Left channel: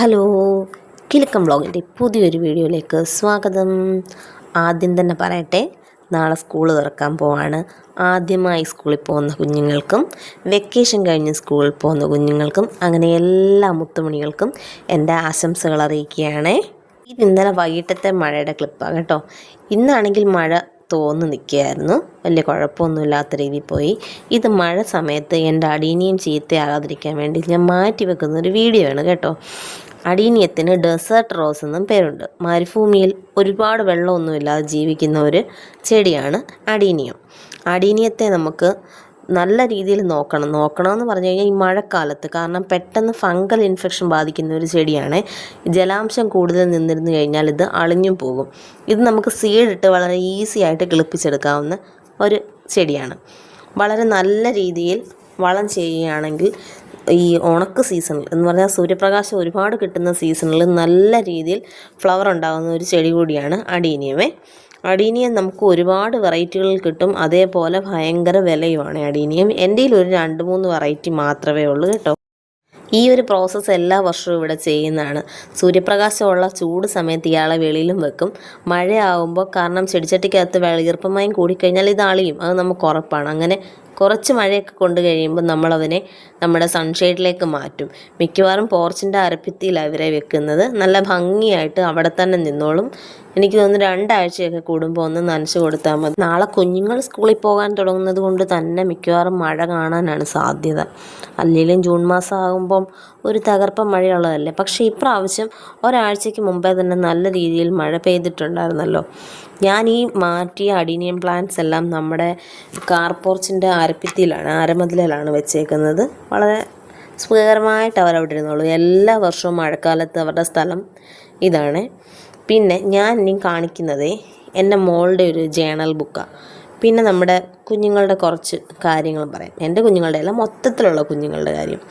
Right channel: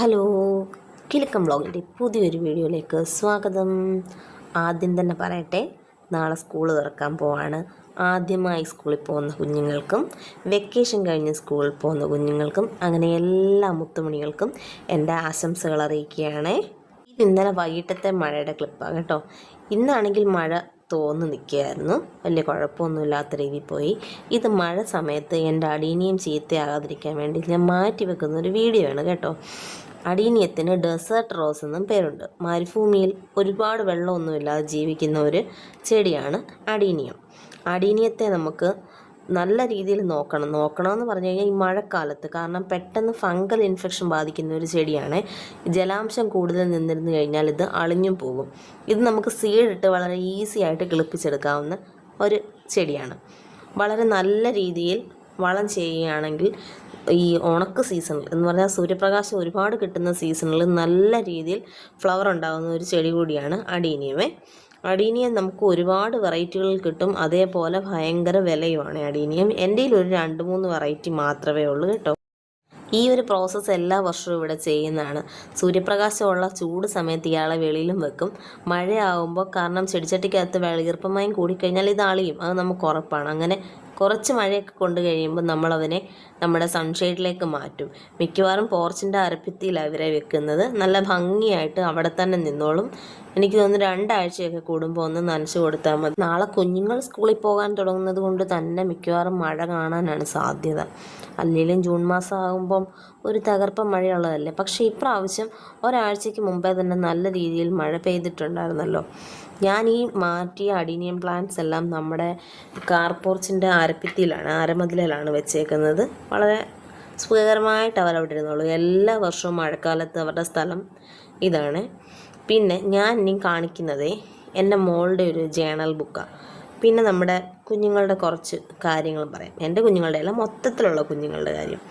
Hello, Kilukkam വ്ളോഗിൻ്റെ പുതിയൊരു വീഡിയോയിലേക്ക് സ്വാഗതം. ആദ്യം തന്നെ പറയട്ടെ, നാളെ സ്കൂൾ തുറക്കാൻ പോവാണ്. ആദ്യമായി സ്കൂളിൽ പോകുന്ന കുഞ്ഞുങ്ങൾക്കും വെക്കേഷൻ കഴിഞ്ഞ് സ്കൂളിൽ പോകുന്ന കുഞ്ഞുങ്ങൾക്കും അങ്ങനെ എല്ലാ മുത്തുമണികൾക്കും എൻ്റെ ആശംസകൾ അറിയിക്കുകയാണ്. ഇത് ഇന്നലെ വൈകിട്ടത്തെ മഴയുടെ ക്ലിപ്പാണ് കേട്ടോ. ഇന്നാണെങ്കിൽ മഴ തോന്നു നിൽക്കുകയായിരുന്നു, വലിയ കുഴപ്പമൊന്നുമില്ലാത്ത രീതിയിൽ പോയി. ഇത് മഴ സമയത്ത് എൻ്റെ അടീനിയും ചീത്തയാകാതിരിക്കാൻ വേണ്ടി ഞാൻ മാറ്റി വെക്കുന്ന ഒരു വീഡിയോ ആണ് കേട്ടോ. അടീനിയത്തിന് ഡെസേർട്ട് റോസ് എന്നും പേരുണ്ട്. മരുഭൂമിയിൽ ഒരുപാട് വെള്ളമൊന്നുമില്ലാതെ ജീവിക്കുന്ന ഒരു ചെടിയാണ് അടീനിയം. അടീനിയത്തെ നമുക്ക് നല്ല രീതിയിൽ നോക്കണമെന്ന് പറഞ്ഞു കഴിഞ്ഞാൽ ഈ മഴക്കാലത്ത്, കാരണം പെട്ടെന്ന് ഫംഗൽ ഇൻഫെക്ഷൻ ബാധിക്കുന്ന ഒരു ചെടിയാണ്. ജലാംശം കൂടുതൽ നിന്നിരുന്നു കഴിഞ്ഞാൽ ഇത് അളിഞ്ഞും പോകും. ഇത് നമുക്ക് സീഡിട്ട് വളരെ ഈസി ആയിട്ട് കിളിപ്പിച്ചെടുക്കാവുന്ന ഒരു ചെടിയാണ്. വളരെ നല്ല രീതിയിൽ വളം ചെയ്യുകയാണെങ്കിൽ ഈ ഉണക്ക് സീസണിൽ എന്ന് പറഞ്ഞാൽ സൂര്യപ്രകാശം ഒരുപാട് കിട്ടുന്ന സീസണിൽ നല്ല രീതിയിൽ ഫ്ലവർ ഉണ്ടാകുന്ന ഒരു ചെടി കൂടിയാണ് അടീനിയമേ. അടീനിയം നമുക്ക് ഒരുപാട് വെറൈറ്റികളിൽ കിട്ടും, അതേപോലെ ഭയങ്കര വിലയുമാണ് അടീനിയം. എൻ്റെ കയ്യിൽ ഒരു 2-3 വെറൈറ്റി മാത്രമേ ഉള്ളൂ കേട്ടോ. ഈ ഒരു പ്രോസസ്സ് എല്ലാ വർഷവും ഇവിടെ ചെയ്യുന്നതാണ്. സൂര്യപ്രകാശമുള്ള ചൂട് സമയത്ത് ഇയാളെ വെളിയിലും വെക്കും. മഴയാകുമ്പോൾ, കാരണം ചെടിച്ചട്ടിക്കകത്ത് ഈർപ്പമയം കൂടിക്കഴിഞ്ഞാൽ ഇത് അളിയും, അത് നമുക്ക് ഉറപ്പാണ്. അങ്ങനെ കുറച്ച് മഴയൊക്കെ കൊണ്ട് കഴിയുമ്പോൾ നമ്മളതിനെ നമ്മുടെ സൺഷെയ്ഡിലേക്ക് മാറ്റും. മിക്കവാറും പോർച്ചിൻ്റെ അരപ്പിത്തിയിലാണ് ഇവരെ വെക്കുന്നത്. നല്ല ഭംഗിയായിട്ട് അവിടെ തന്നെ നിന്നോളും. എനിക്ക് തോന്നുന്നു 2 ആഴ്ചയൊക്കെ കൂടുമ്പോൾ ഒന്ന് നനച്ച് കൊടുത്താൽ മതി. നാളെ കുഞ്ഞുങ്ങൾ സ്കൂളിൽ പോകാൻ തുടങ്ങുന്നത് കൊണ്ട് തന്നെ മിക്കവാറും മഴ കാണാനാണ് സാധ്യത. അല്ലെങ്കിലും ജൂൺ മാസം ആകുമ്പം ഒരു തകർപ്പൻ മഴയുള്ളതല്ലേ. പക്ഷേ ഇപ്രാവശ്യം ഒരാഴ്ചയ്ക്ക് മുമ്പേ തന്നെ നല്ല രീതിയിൽ മഴ പെയ്തിട്ടുണ്ടായിരുന്നല്ലോ. ഞാൻ ഈ മാറ്റിയ അഡീനിയം പ്ലാന്റ്സ് എല്ലാം നമ്മുടെ കാർ പോർച്ചിൻ്റെ അരമതിലാണ് വെച്ചേക്കുന്നത്. വളരെ സുഖകരമായിട്ട് അവരവിടെ ഇരുന്നുള്ളൂ. എല്ലാ വർഷവും മഴക്കാലത്ത് അവരുടെ സ്ഥലം ഇതാണ്. പിന്നെ ഞാൻ ഇനി കാണിക്കുന്നത് എൻ്റെ മോളുടെ ഒരു ജേണൽ ബുക്കാണ്. പിന്നെ നമ്മുടെ കുഞ്ഞുങ്ങളുടെ കുറച്ച് കാര്യങ്ങളും പറയാം. എൻ്റെ കുഞ്ഞുങ്ങളുടെ എല്ലാം മൊത്തത്തിലുള്ള കുഞ്ഞുങ്ങളുടെ കാര്യം.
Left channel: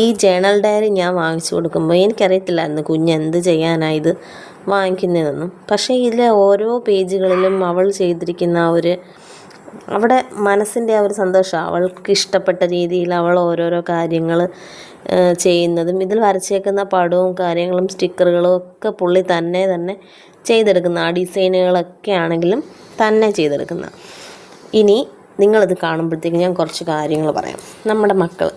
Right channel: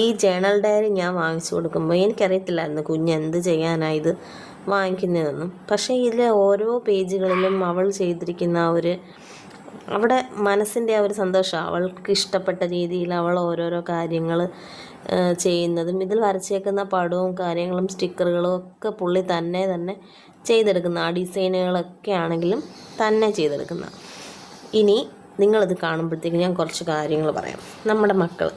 ഈ ജേണൽ ഡയറി ഞാൻ വാങ്ങിച്ചു കൊടുക്കുമ്പോൾ എനിക്കറിയത്തില്ലായിരുന്നു കുഞ്ഞെന്ത് ചെയ്യാനായത് വാങ്ങിക്കുന്നതെന്നും. പക്ഷേ ഇതിലെ ഓരോ പേജുകളിലും അവൾ ചെയ്തിരിക്കുന്ന അവിടെ മനസ്സിൻ്റെ ആ ഒരു സന്തോഷം, അവൾക്ക് ഇഷ്ടപ്പെട്ട രീതിയിൽ അവൾ ഓരോരോ കാര്യങ്ങൾ ചെയ്യുന്നതും, ഇതിൽ വരച്ചേക്കുന്ന പടവും കാര്യങ്ങളും സ്റ്റിക്കറുകളും ഒക്കെ പുള്ളി തന്നെ ചെയ്തെടുക്കുന്ന, ആ ഡിസൈനുകളൊക്കെ ആണെങ്കിലും തന്നെ ചെയ്തെടുക്കുന്ന. ഇനി നിങ്ങളിത് കാണുമ്പോഴത്തേക്ക് ഞാൻ കുറച്ച് കാര്യങ്ങൾ പറയാം. നമ്മുടെ മക്കൾ,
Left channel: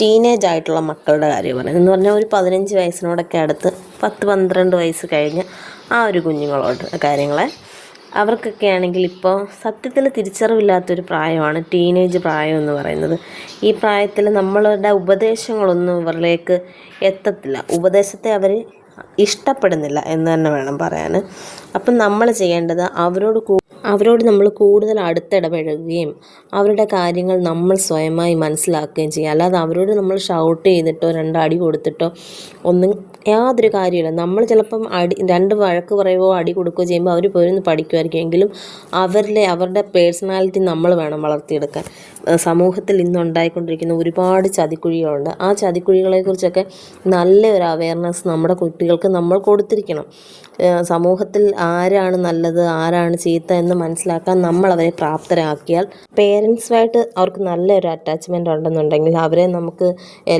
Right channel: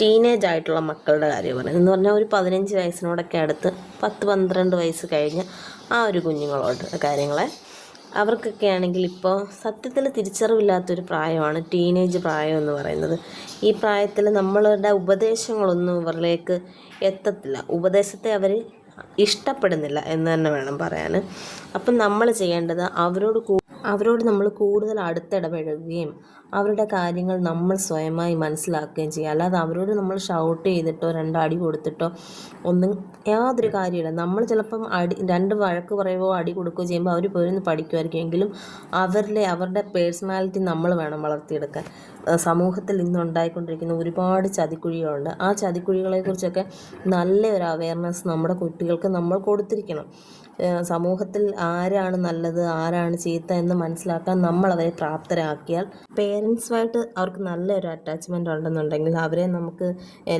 ടീനേജ് ആയിട്ടുള്ള മക്കളുടെ കാര്യം പറയാം. എന്ന് പറഞ്ഞാൽ ഒരു 15 വയസ്സിനോടൊക്കെ അടുത്ത് 10-12 വയസ്സ് കഴിഞ്ഞ് ആ ഒരു കുഞ്ഞുങ്ങളോട് കാര്യങ്ങളെ, അവർക്കൊക്കെ ആണെങ്കിൽ ഇപ്പോൾ സത്യത്തിൽ തിരിച്ചറിവില്ലാത്തൊരു പ്രായമാണ് ടീനേജ് പ്രായം എന്ന് പറയുന്നത്. ഈ പ്രായത്തിൽ നമ്മളുടെ ഉപദേശങ്ങളൊന്നും ഇവരിലേക്ക് എത്തത്തില്ല. ഉപദേശത്തെ അവർ ഇഷ്ടപ്പെടുന്നില്ല എന്ന് തന്നെ വേണം പറയാൻ. അപ്പം നമ്മൾ ചെയ്യേണ്ടത് അവരോട് നമ്മൾ കൂടുതൽ അടുത്തിടപഴകുകയും അവരുടെ കാര്യങ്ങൾ നമ്മൾ സ്വയമായി മനസ്സിലാക്കുകയും ചെയ്യുക. അല്ലാതെ അവരോട് നമ്മൾ ഷൗട്ട് ചെയ്തിട്ടോ 2 അടി കൊടുത്തിട്ടോ ഒന്നും യാതൊരു കാര്യമില്ല. നമ്മൾ ചിലപ്പം 2 വഴക്ക് പറയുകയോ അടി കൊടുക്കുകയോ ചെയ്യുമ്പോൾ അവർ പോയിരുന്ന് പഠിക്കുമായിരിക്കും. എങ്കിലും അവരുടെ പേഴ്സണാലിറ്റി നമ്മൾ വേണം വളർത്തിയെടുക്കാൻ. സമൂഹത്തിൽ ഇന്നുണ്ടായിക്കൊണ്ടിരിക്കുന്ന ഒരുപാട് ചതിക്കുഴികളുണ്ട്. ആ ചതിക്കുഴികളെക്കുറിച്ചൊക്കെ നല്ലൊരു അവയർനെസ് നമ്മുടെ കുട്ടികൾക്ക് നമ്മൾ കൊടുത്തിരിക്കണം. സമൂഹത്തിൽ ആരാണ് നല്ലത് ആരാണ് ചീത്ത എന്ന് മനസ്സിലാക്കാൻ നമ്മൾ അവരെ പ്രാപ്തരാക്കിയാൽ, പേരൻസുമായിട്ട് അവർക്ക് നല്ലൊരു അറ്റാച്ച്മെൻ്റ് ഉണ്ടെന്നുണ്ടെങ്കിൽ അവരെ നമുക്ക്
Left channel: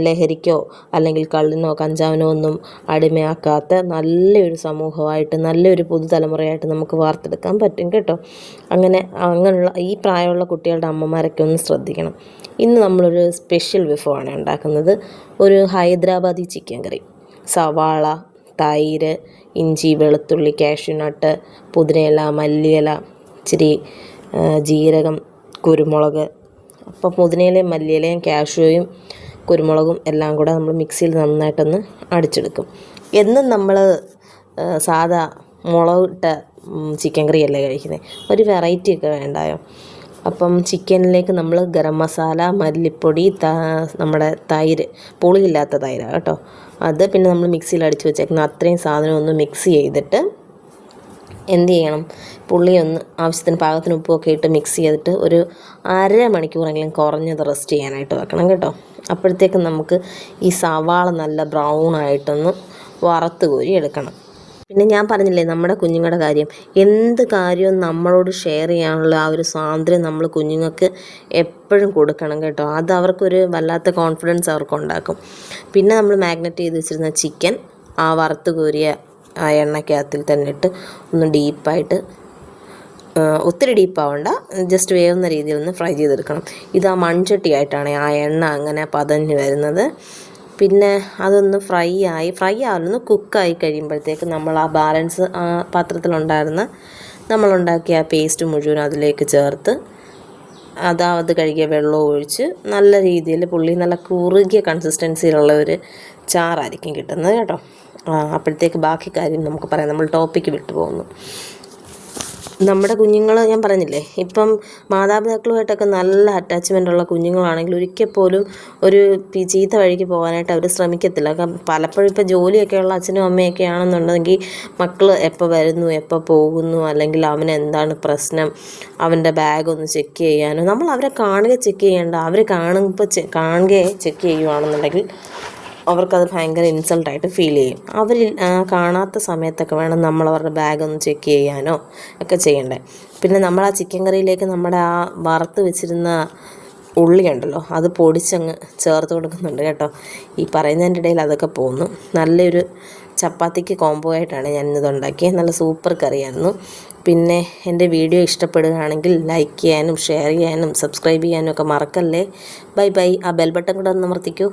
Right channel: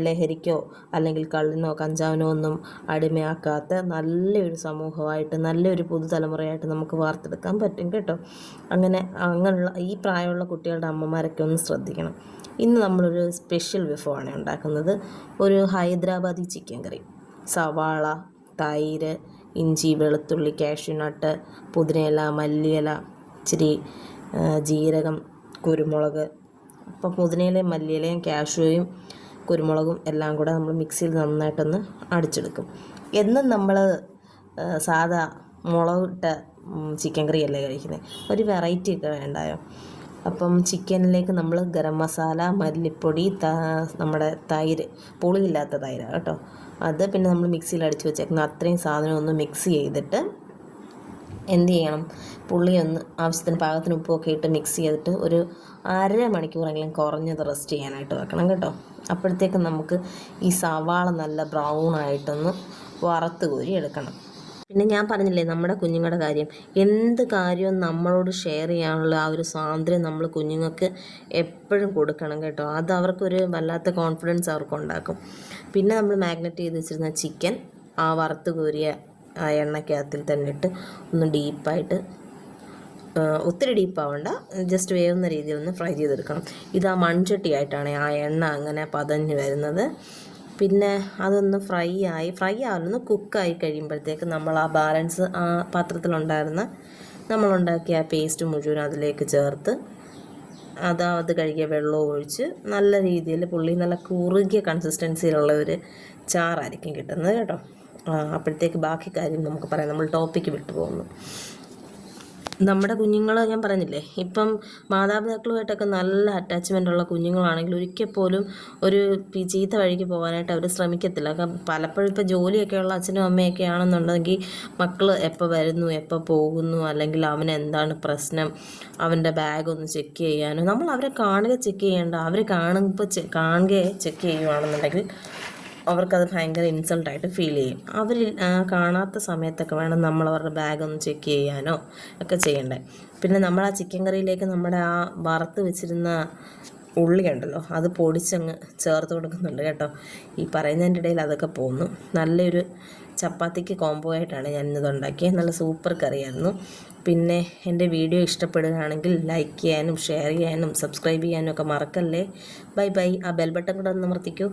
ലഹരിക്കോ അല്ലെങ്കിൽ കള്ളിനോ കഞ്ചാവിനോ ഒന്നും അടിമയാക്കാത്ത നല്ലൊരു സമൂഹമായിട്ട്, നല്ലൊരു പുതുതലമുറയായിട്ട് നമുക്ക് വാർത്തെടുക്കാൻ പറ്റും കേട്ടോ. അങ്ങനെയുള്ള ഈ പ്രായമുള്ള കുട്ടികളുടെ അമ്മമാരൊക്കെ ഒന്ന് ശ്രദ്ധിക്കണം. ഇന്ന് നമ്മളൊരു സ്പെഷ്യൽ വിഭവമാണ് ഉണ്ടാക്കുന്നത്. ഒരു ഹൈദരാബാദി ചിക്കൻ കറി. സവാള, തൈര്, ഇഞ്ചി, വെളുത്തുള്ളി, കാഷ്യൂനട്ട്, പുതിനയില, മല്ലിയില, ഇച്ചിരി ജീരകം, കുരുമുളക്. അപ്പോൾ പുതിനയിലയും മല്ലിയിലയും കാഷ്യൂയും കുരുമുളകും എല്ലാം കൂടെ നമ്മൾ മിക്സിയിൽ നന്നായിട്ടൊന്ന് അടിച്ചെടുക്കും. എന്നും നമ്മൾ സാധാ മുളകിട്ട ചിക്കൻ കറിയല്ലേ കഴിക്കുന്നത്, ഒരു വെറൈറ്റി ഒക്കെ വേണ്ടായോ. അപ്പം ചിക്കനിലേക്ക് നമ്മൾ ഗരം മസാല, മല്ലിപ്പൊടി, നമ്മുടെ തൈര്, പുളിയില്ലാത്ത തൈരാണ് കേട്ടോ, അത് പിന്നെ നമ്മൾ മിക്സിയിൽ അടിച്ച് വെച്ചേക്കുന്ന അത്രയും സാധനം ഒന്ന് മിക്സ് ചെയ്തിട്ട് എന്ത് ചെയ്യണം, പുളിയൊന്ന് ആവശ്യത്തിന് പാകത്തിന് ഉപ്പൊക്കെ ഇട്ട് മിക്സ് ചെയ്തിട്ട് ഒരു 1/2 മണിക്കൂറെങ്കിലും കുറഞ്ഞത് റെസ്റ്റ് ചെയ്യാനായിട്ട് വെക്കണം കേട്ടോ. അപ്പോഴത്തേക്കും നമുക്ക് ഈ സവാള നല്ല ബ്രൗൺ ആയിട്ടൊന്ന് വറുത്ത് കോരി എടുക്കണം. പിന്നെ ഞാൻ പറഞ്ഞില്ലേ നമ്മുടെ കുഞ്ഞുങ്ങളുടെ കാര്യം, എന്ത് കാര്യവും നമ്മളോട് ഷെയർ ചെയ്യാനുള്ള ആ ഒരു സ്വാതന്ത്ര്യം നമ്മൾ കുഞ്ഞുങ്ങൾക്ക് എപ്പോഴും കൊടുക്കണം കേട്ടോ. അത് അവർക്കൊരു വല്ലാത്ത കോൺഫിഡൻസ് അവർക്കുണ്ടാക്കും. പിന്നെ നമ്മൾ മാഗ്നറ്റ് ചെയ്ത് വെച്ചിരുന്ന ചിക്കൻ ആ വറുത്ത് കോരിയ ആ എണ്ണയ്ക്കകത്തിൽ തന്നെ ഇട്ട് ഒന്ന് ഡീപ്പായിട്ട്, ഒത്തിരി ഡീപ്പാവണ്ട, ജസ്റ്റ് വേവുന്ന രീതിയിൽ ഒന്ന് ഫ്രൈ ചെയ്തെടുക്കണം. ഇത് ആ മൺചട്ടിയായിട്ടാണ് ആ എണ്ണ അങ്ങനെ പതഞ്ഞ് വരുന്നത്. പിന്നെ അതൊന്ന് ഫ്രൈ ആവുന്ന കുക്കായി കഴിയുമ്പോഴത്തേക്ക് നമ്മൾ ആ ബാലൻസ് ആ പാത്രത്തിലുണ്ടായിരുന്ന നമ്മളുണ്ടാക്കിയ ആ പേസ്റ്റ് മുഴുവൻ അതിലേക്ക് ചേർത്ത് അത് കഴുകിയ വെള്ളവും ഒഴിച്ച് നല്ല രീതിയിൽ നല്ല കുറുകിയ കൺസിസ്റ്റൻസിയിലുള്ള ഒരു ചാറായിരിക്കും കിട്ടുന്നത് കേട്ടോ. അപ്പോഴത്തേക്ക് ബാക്കി കാര്യം നമുക്ക് പറയാം. നമ്മൾ ടോപ്പിക്ക് വിട്ടു പോകുന്നു. നമ്മുടെ കുഞ്ഞുങ്ങൾ ഞാൻ പറഞ്ഞില്ലേ, ഇപ്പം മാതാപിതാക്കളുമായിട്ടൊക്കെ നല്ല അറ്റാച്ച്മെൻ്റ് ഉള്ള കുഞ്ഞുങ്ങളാണെങ്കിൽ ഒരിക്കൽ പോലും ഒരു ചീത്ത വഴിക്ക് പോകാനായിട്ട് അവർ ശ്രമിക്കത്തില്ല. പലപ്പോഴും ഇപ്പോൾ ജോലിയൊക്കെയുള്ള അച്ഛനും അമ്മയൊക്കെ ആണെന്നുണ്ടെങ്കിൽ മക്കൾ എപ്പോൾ വരുന്നു എപ്പോൾ പോകുന്നു, അല്ലെങ്കിൽ അവന് എന്താണ് പ്രശ്നം, അവൻ്റെ ബാഗ് ഒന്ന് ചെക്ക് ചെയ്യാനോ, നമ്മൾ അവരെ കാണുക ചെക്ക് ചെയ്യേണ്ട, അവർ കാണുകയെ ചെക്ക് ചെയ്യുകയാണെന്നുണ്ടെങ്കിൽ അവർക്കത് ഭയങ്കര ഇൻസൾട്ടായിട്ട് ഫീൽ ചെയ്യും. അവർ കാണാത്ത സമയത്തൊക്കെ വേണം നമ്മൾ അവരുടെ ബാഗ് ഒന്ന് ചെക്ക് ചെയ്യാനോ ഒക്കെ ചെയ്യണ്ടേ. പിന്നെ നമ്മൾ ആ ചിക്കൻ കറിയിലേക്ക് നമ്മുടെ ആ വറുത്ത് വെച്ചിരുന്ന ഉള്ളി ഉണ്ടല്ലോ, അത് പൊടിച്ചങ്ങ് ചേർത്ത് കൊടുക്കുന്നുണ്ട് കേട്ടോ. ഈ പറയുന്നതിൻ്റെ ഇടയിൽ അതൊക്കെ പോകുന്നു. നല്ലൊരു ചപ്പാത്തിക്ക് കോംബോ ആയിട്ടാണ് ഞാനിത് ഉണ്ടാക്കിയത്. നല്ല സൂപ്പർ കറിയായിരുന്നു. പിന്നെ എൻ്റെ വീഡിയോ ഇഷ്ടപ്പെടുകയാണെങ്കിൽ ലൈക്ക് ചെയ്യാനും ഷെയർ ചെയ്യാനും സബ്സ്ക്രൈബ് ചെയ്യാനും ഒക്കെ മറക്കല്ലേ. Bye bye. ആ ബെൽ ബട്ടൺ കൂടെ ഒന്ന് അമർത്തിക്കൂ.